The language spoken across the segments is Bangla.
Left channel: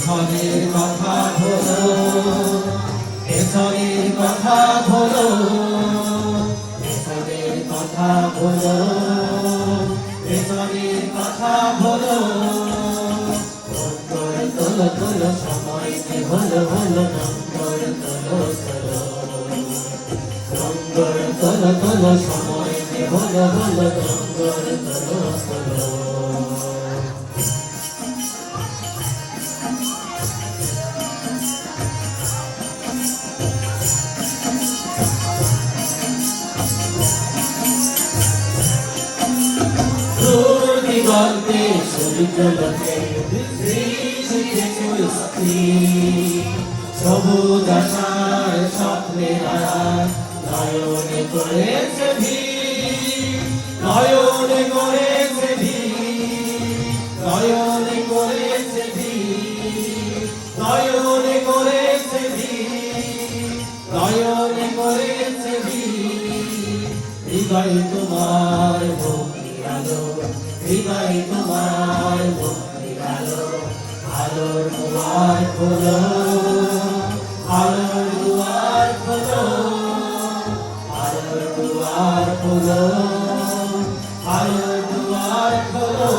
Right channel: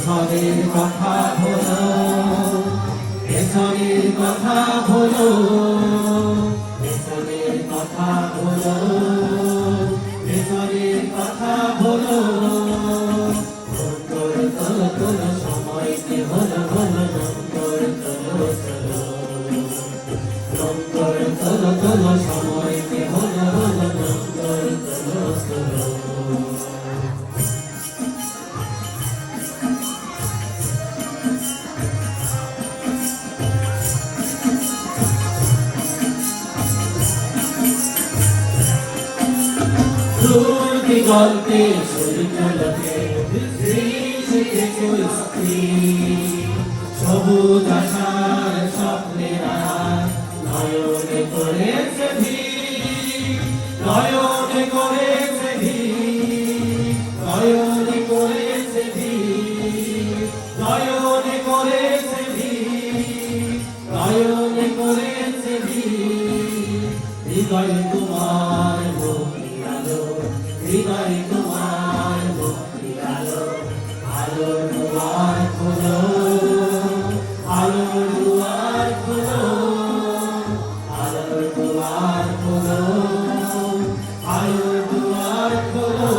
পেছনের কথা ভুলো, পেছনের কথা ভুলো, পেছনের কথা ভুলো, পেছনের কথা ভুলো। তোলো তোলো সময়কে হলো হলো নম্বর তোলো তোলো, নম্বর তোলো তোলো সময়কে হলো হলো নম্বর তোলো তোলো। গল্পে সূর্যলোকে সবুজ আশার স্বপ্নের নয়নে করেছে ভিড়, নয়নে করেছে ভিড়, নয়নে করেছে ভিড়, নয়নে করেছে ভিড়, নয়নে করেছে ভিড়। হৃদয় তোমার ভক্তি আলো, হৃদয় তোমার ভক্তি আলো, আলোর দুয়ার খোলো, আলোর দুয়ার খোলো, আলোর দুয়ার খোলো, আলোর দুয়ার খোলো।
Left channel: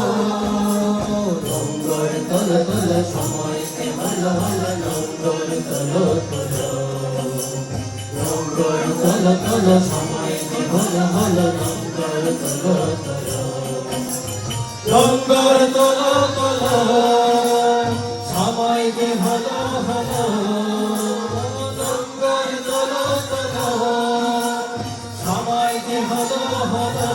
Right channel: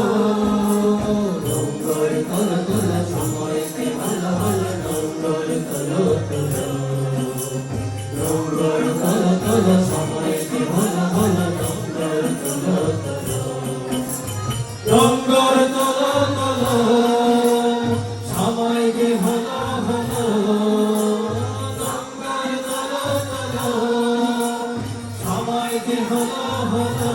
নম্বর তোলো তোলো সময়কে হলো হলো নম্বর তোলো তোলো, নম্বর তোলো তোলো সময়কে হলো হলো নম্বর তোলো তোলো। নম্বর তোলো তোলো সময় যে হলো হলো, নম্বর তোলো তোলো সময় যে হলো হলো,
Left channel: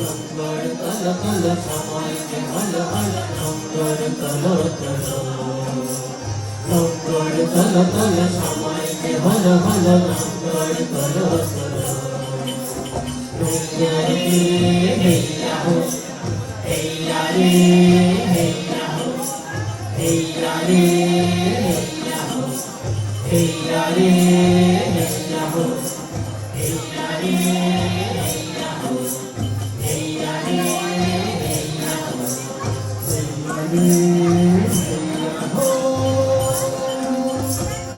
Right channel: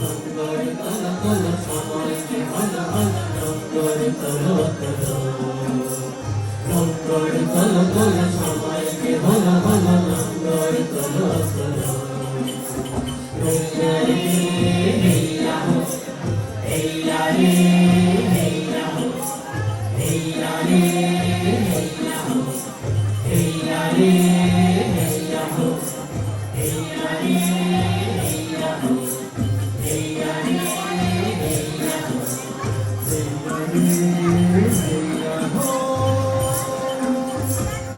নম্বর তোলো তোলো সময় যে হলো হলো নম্বর তোলো তোলো, নম্বর তোলো তোলো সময় যে হলো হলো নম্বর তোলো তোলো। Hey,